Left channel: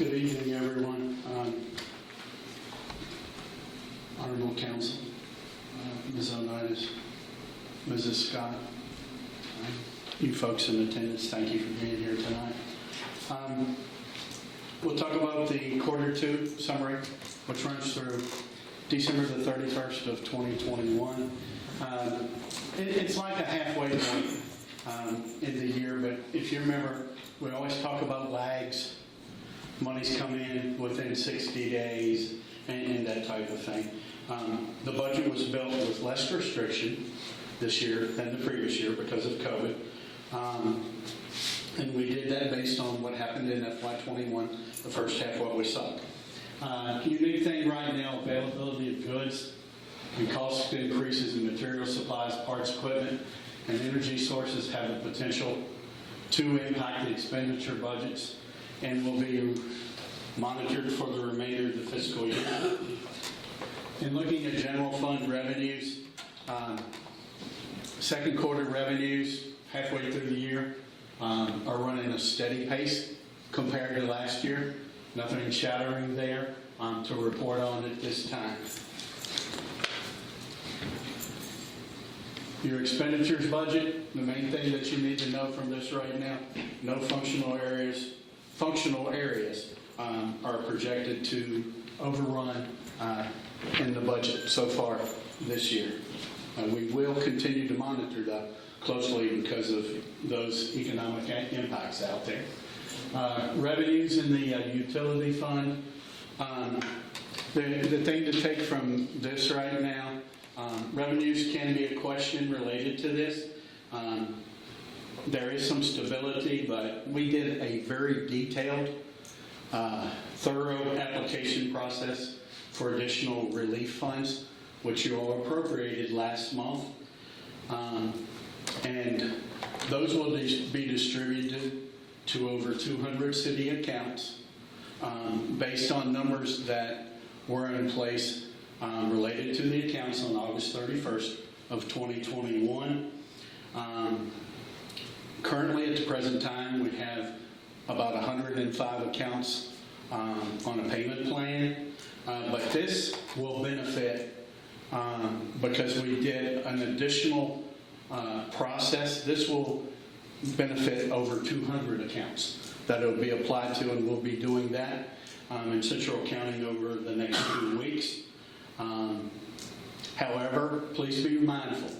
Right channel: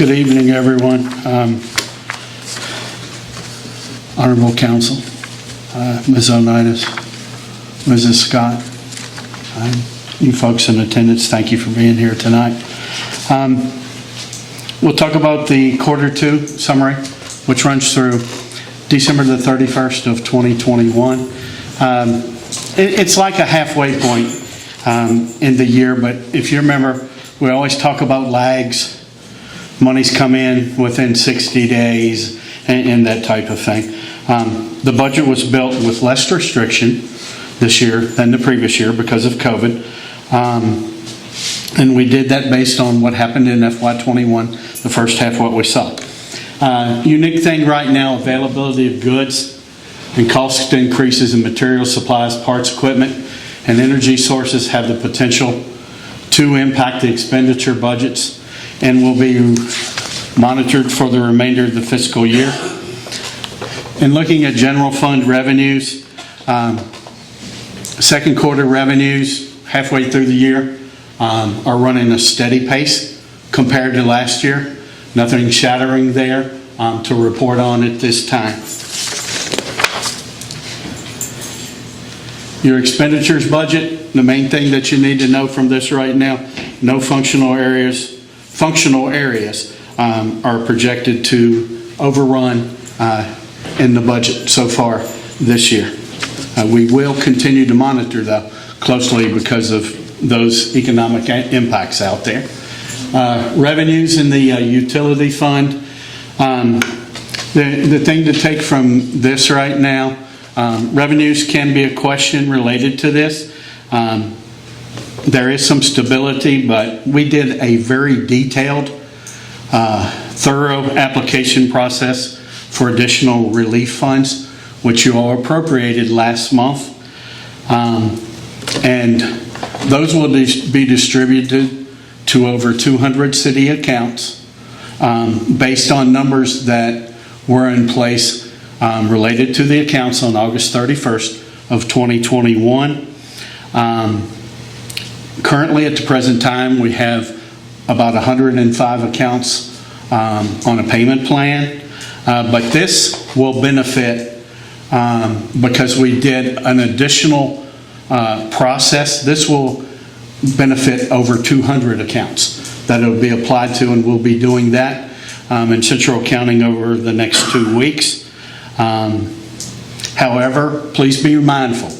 Good evening, everyone. Honorable Council, Ms. Onitis, Mrs. Scott, you folks in attendance, thank you for being here tonight. We'll talk about the Q2 summary, which runs through December the 31st of 2021. It's like a halfway point in the year, but if you remember, we always talk about lags. Money's come in within 60 days and that type of thing. The budget was built with less restriction this year than the previous year because of COVID. And we did that based on what happened in FY21, the first half what we saw. Unique thing right now, availability of goods and cost increases in materials, supplies, parts, equipment, and energy sources have the potential to impact the expenditure budgets and will be monitored for the remainder of the fiscal year. In looking at general fund revenues, second quarter revenues halfway through the year are running a steady pace compared to last year. Nothing shattering there to report on at this time. Your expenditures budget, the main thing that you need to know from this right now, no functional areas are projected to overrun in the budget so far this year. We will continue to monitor though closely because of those economic impacts out there. Revenues in the utility fund. The thing to take from this right now, revenues can be a question related to this. There is some stability, but we did a very detailed, thorough application process for additional relief funds, which you all appropriated last month. And those will be distributed to over 200 city accounts based on numbers that were in place related to the accounts on August 31st of 2021. Currently, at the present time, we have about 105 accounts on a payment plan, but this will benefit because we did an additional process. This will benefit over 200 accounts that it will be applied to, and we'll be doing that in central accounting over the next 2 weeks. However, please be mindful,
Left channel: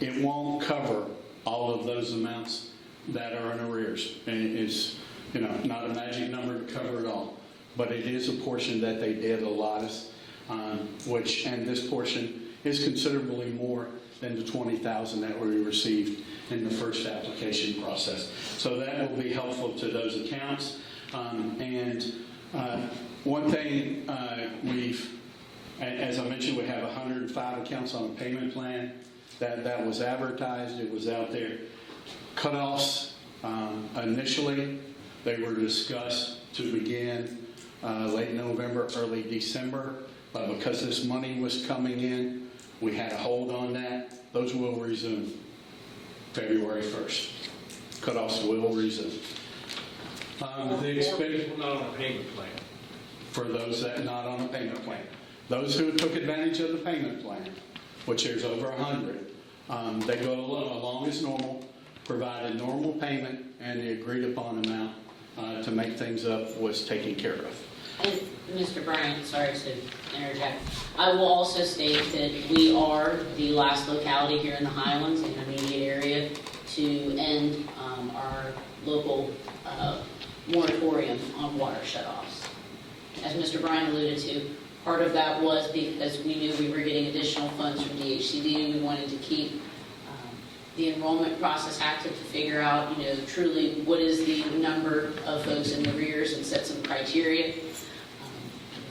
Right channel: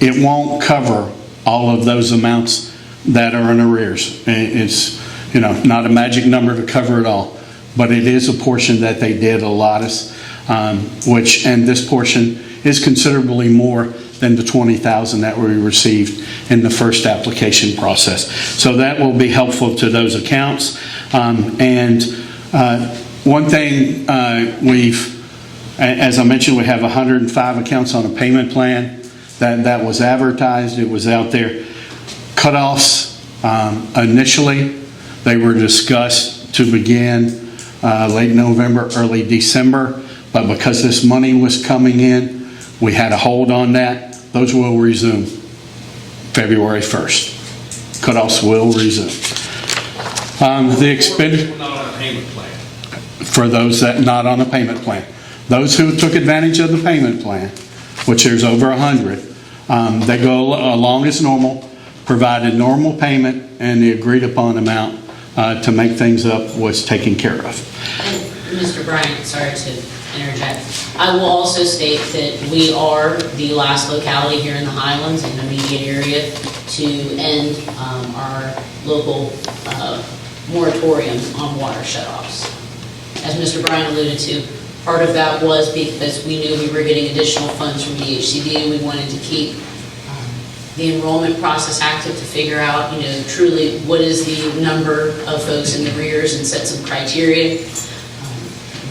it won't cover all of those amounts that are in arrears. It's not a magic number to cover it all, but it is a portion that they did allot us, and this portion is considerably more than the $20,000 that we received in the first application process. So that will be helpful to those accounts. And one thing as I mentioned, we have 105 accounts on a payment plan that was advertised. It was out there. Cutoffs, initially, they were discussed to begin late November, early December, but because this money was coming in, we had a hold on that. Those will resume February 1st. Cutoffs will resume. The expenditure not on a payment plan. for those that not on a payment plan. Those who took advantage of the payment plan, which there's over 100, they go along as normal, provided normal payment, and the agreed upon amount to make things up was taken care of. And Mr. Bryant, sorry to interject. I will also state that we are the last locality here in the Highlands and immediate area to end our local moratorium on water shutoffs. As Mr. Bryant alluded to, part of that was because we knew we were getting additional funds from DHCD. We wanted to keep the enrollment process active to figure out, truly what is the number of folks in the rears and set some criteria.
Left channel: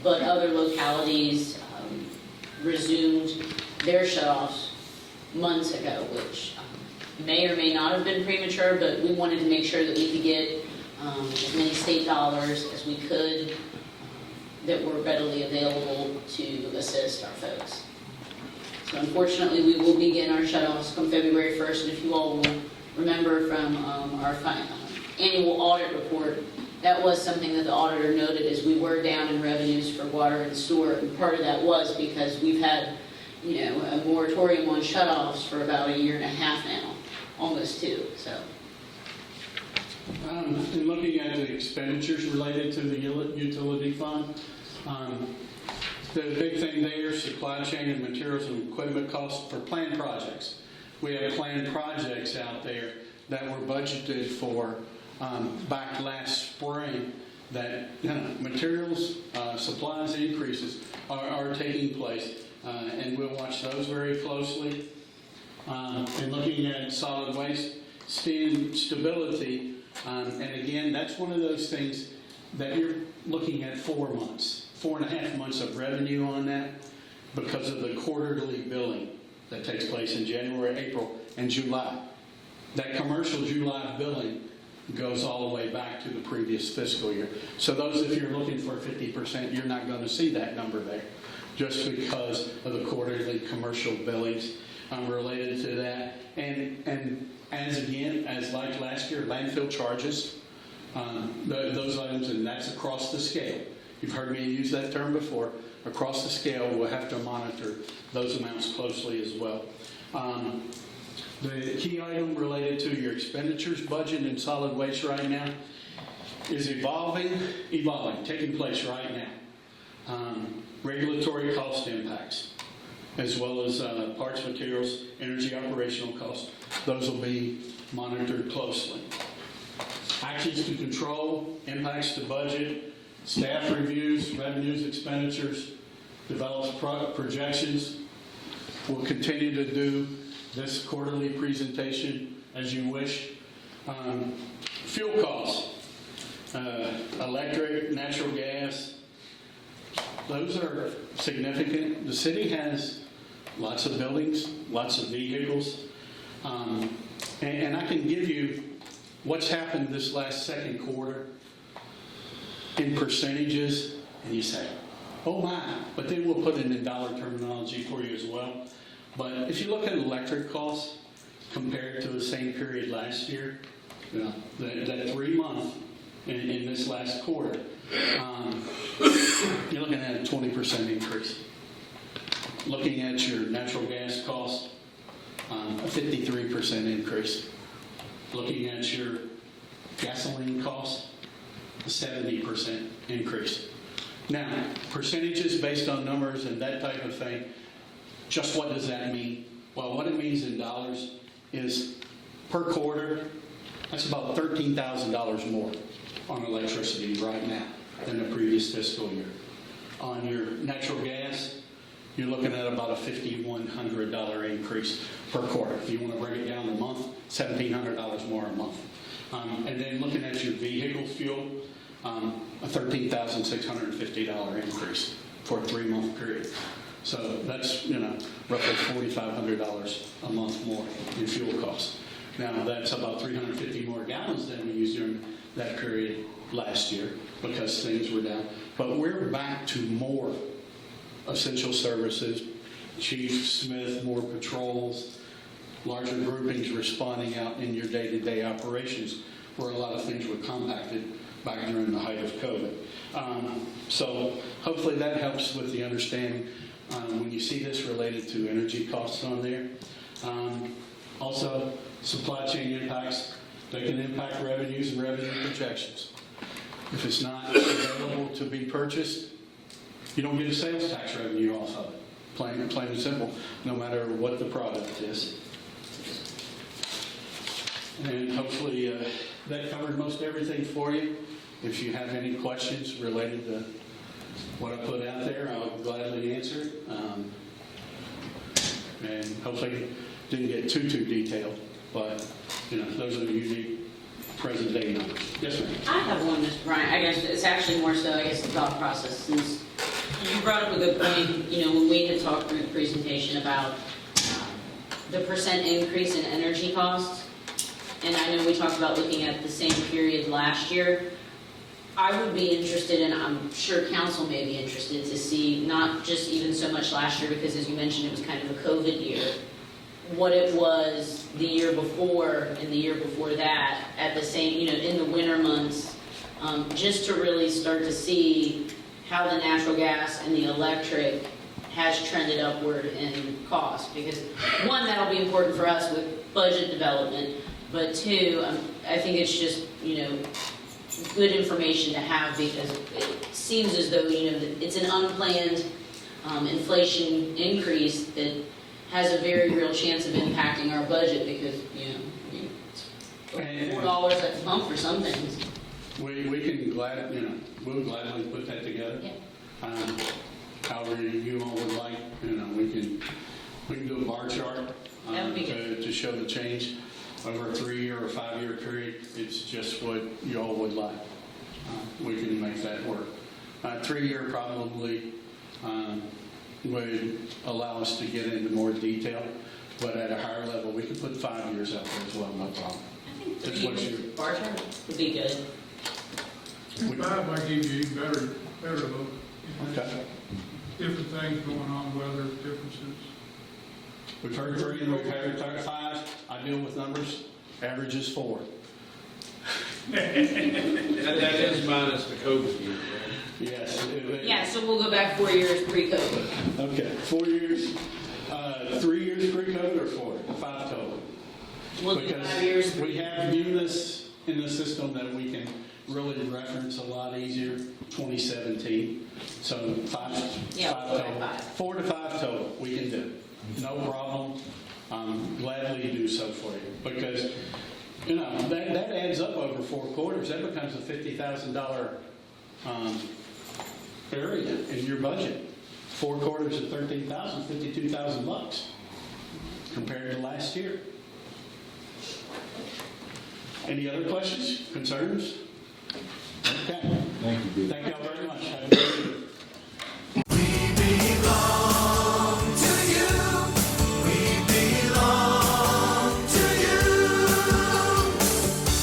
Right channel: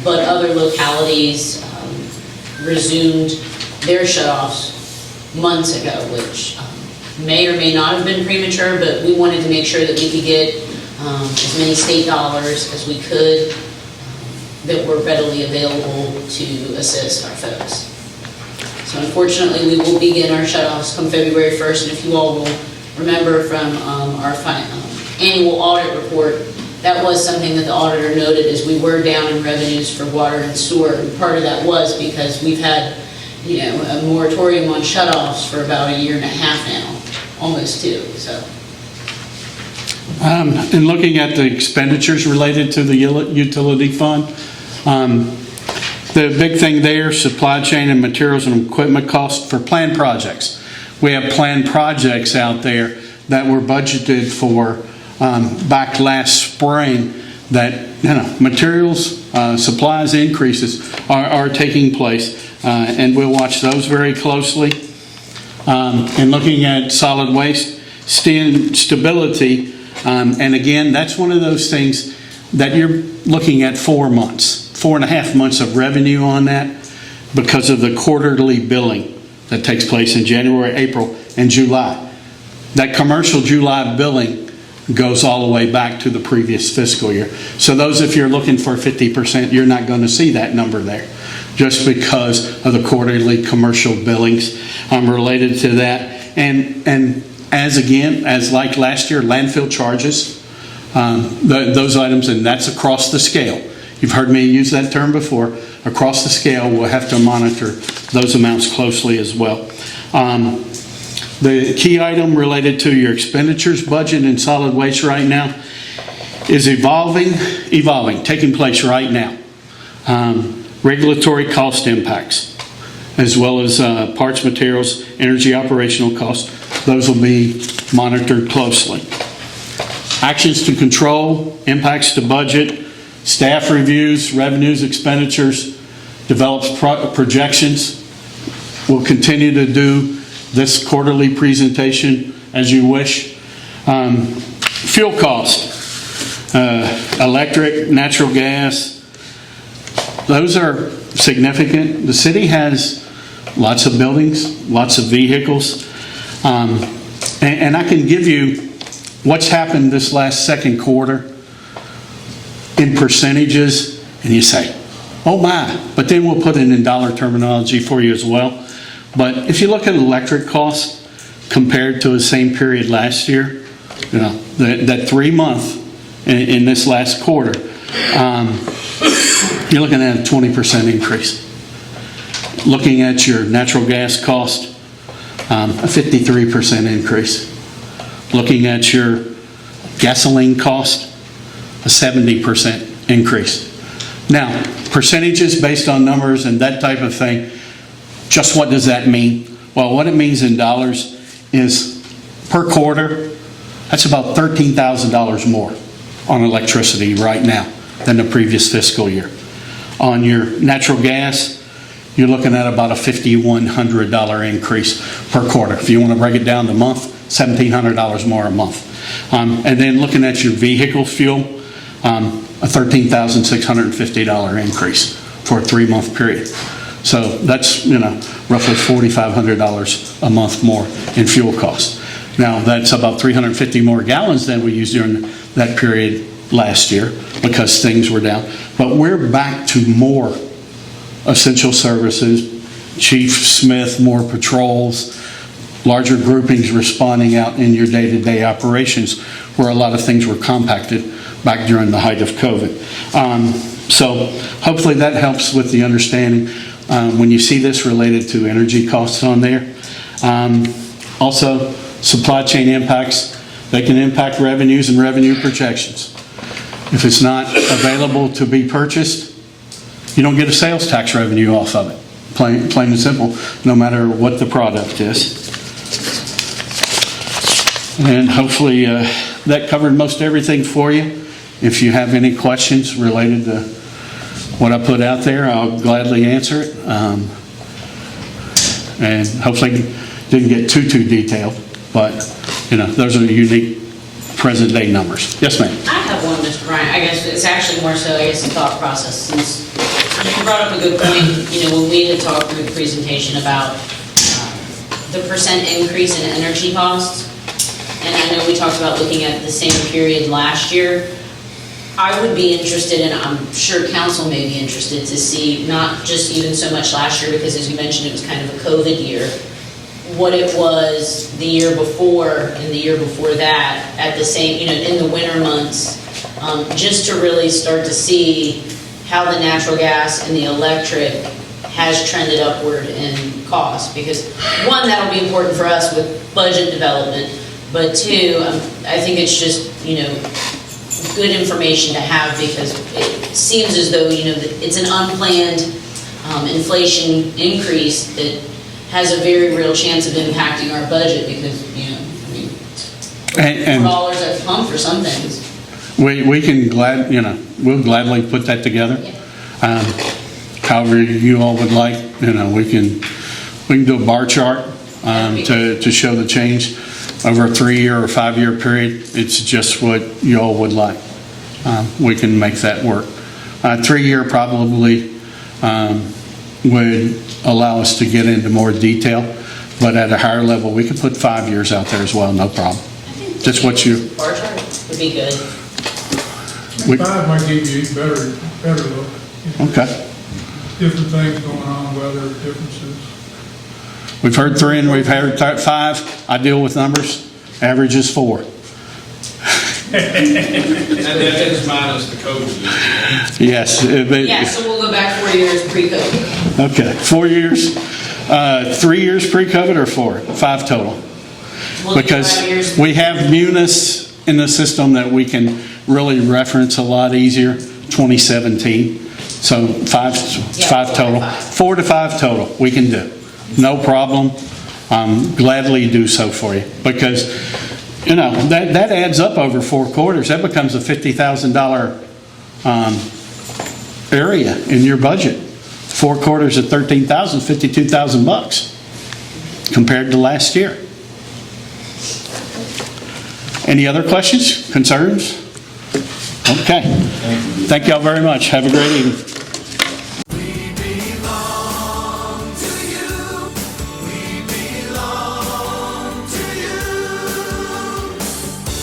But other localities resumed their shutoffs months ago, which may or may not have been premature, but we wanted to make sure that we could get as many state dollars as we could that were readily available to assist our folks. So unfortunately, we will begin our shutoffs come February 1st, and if you all will remember from our annual audit report that was something that the auditor noted, is we were down in revenues for water and sewer. And part of that was because we've had, a moratorium on shutoffs for about a year and a half now, almost 2, so. In looking at the expenditures related to the utility fund, the big thing there, supply chain and materials and equipment costs for planned projects. We have planned projects out there that were budgeted for back last spring that, materials, supplies increases are taking place. And we'll watch those very closely. And looking at solid waste stability, and again, that's one of those things that you're looking at 4 months, 4.5 months of revenue on that because of the quarterly billing that takes place in January, April, and July. That commercial July billing goes all the way back to the previous fiscal year. So those, if you're looking for 50%, you're not going to see that number there, just because of the quarterly commercial billings related to that. And as like last year, landfill charges, those items, and that's across the scale. You've heard me use that term before. Across the scale, we'll have to monitor those amounts closely as well. The key item related to your expenditures budget in solid waste right now is evolving, taking place right now. Regulatory cost impacts, as well as parts, materials, energy operational costs. Those will be monitored closely. Actions to control impacts to budget, staff reviews, revenues, expenditures, develops projections. We'll continue to do this quarterly presentation as you wish. Fuel cost, electric, natural gas, those are significant. The city has lots of buildings, lots of vehicles, and I can give you what's happened this last second quarter in percentages, and you say, oh my, but then we'll put it in dollar terminology for you as well. But if you look at electric costs compared to the same period last year, that 3 month in this last quarter, you're looking at a 20% increase. Looking at your natural gas cost, a 53% increase. Looking at your gasoline cost, a 70% increase. Now, percentages based on numbers and that type of thing, just what does that mean? Well, what it means in dollars is per quarter, that's about $13,000 more on electricity right now than the previous fiscal year. On your natural gas, you're looking at about a $5,100 increase per quarter. If you want to break it down to month, $1,700 more a month. And then looking at your vehicle fuel, a $13,650 increase for a 3-month period. So that's roughly $4,500 a month more in fuel costs. Now that's about 350 more gallons than we used during that period last year because things were down. But we're back to more essential services, Chief Smith, more patrols, larger groupings responding out in your day-to-day operations where a lot of things were compacted back during the height of COVID. So hopefully that helps with the understanding when you see this related to energy costs on there. Also, supply chain impacts, they can impact revenues and revenue projections. If it's not available to be purchased, you don't get a sales tax revenue off of it. Plain and simple, no matter what the product is. And hopefully that covered most everything for you. If you have any questions related to what I put out there, I'll gladly answer it. And hopefully didn't get too detailed, but those are the unique present day numbers. Yes, ma'am. I have one, Mr. Bryant. I guess it's actually more so, a thought process. Since you brought up a good point, when we had talked through the presentation about the percent increase in energy costs, and I know we talked about looking at the same period last year. I would be interested, and I'm sure council may be interested, to see not just even so much last year, because as you mentioned, it was kind of a COVID year, what it was the year before and the year before that at the same, in the winter months, just to really start to see how the natural gas and the electric has trended upward in cost. Because one, that'll be important for us with budget development, but two, I think it's just, good information to have, because it seems as though, that it's an unplanned inflation increase that has a very real chance of impacting our budget, because, And $4 at the pump for some things. we can we'll gladly put that together. Yeah. However you all would like, we can do a bar chart to show the change over a 3-year or 5-year period. It's just what you all would like. We can make that work. 3-year probably would allow us to get into more detail, but at a higher level, we could put 5 years out there as well, no problem. Just what you. Bar chart would be good. 5 might give you a better look. Okay. Different things going on, weather differences. We've heard 3 and we've heard 5. I deal with numbers. Average is 4. And that is minus the COVID. Yes. Yeah, so we'll go back 4 years pre-COVID. Okay. 4 years. 3 years pre-COVID or 4? 5 total. We'll do Because 5 years. we have Munis in the system that we can really reference a lot easier. 2017. So 5 total. 4 to 5 total we can do. No problem. Gladly do so for you, because that adds up over 4 quarters. That becomes a $50,000 area in your budget. 4 quarters at $13,000, $52,000 compared to last year. Any other questions, concerns? Okay. Thank y'all very much. Have a great evening.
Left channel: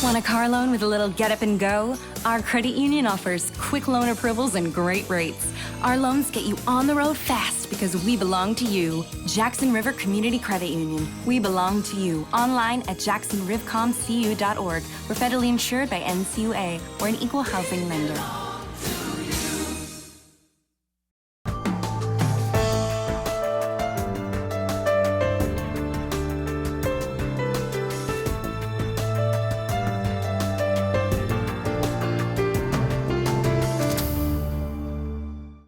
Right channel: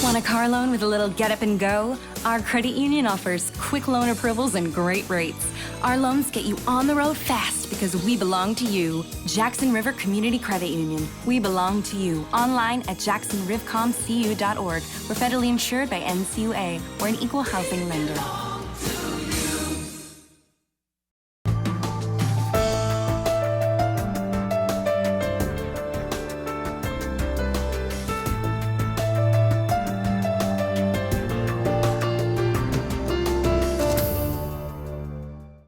Want a car loan with a little get up and go? Our credit union offers quick loan approvals and great rates. Our loans get you on the road fast because we belong to you. Jackson River Community Credit Union. We belong to you. Online at jacksonrivcomcu.org. We're federally insured by NCUA. We're an equal housing lender.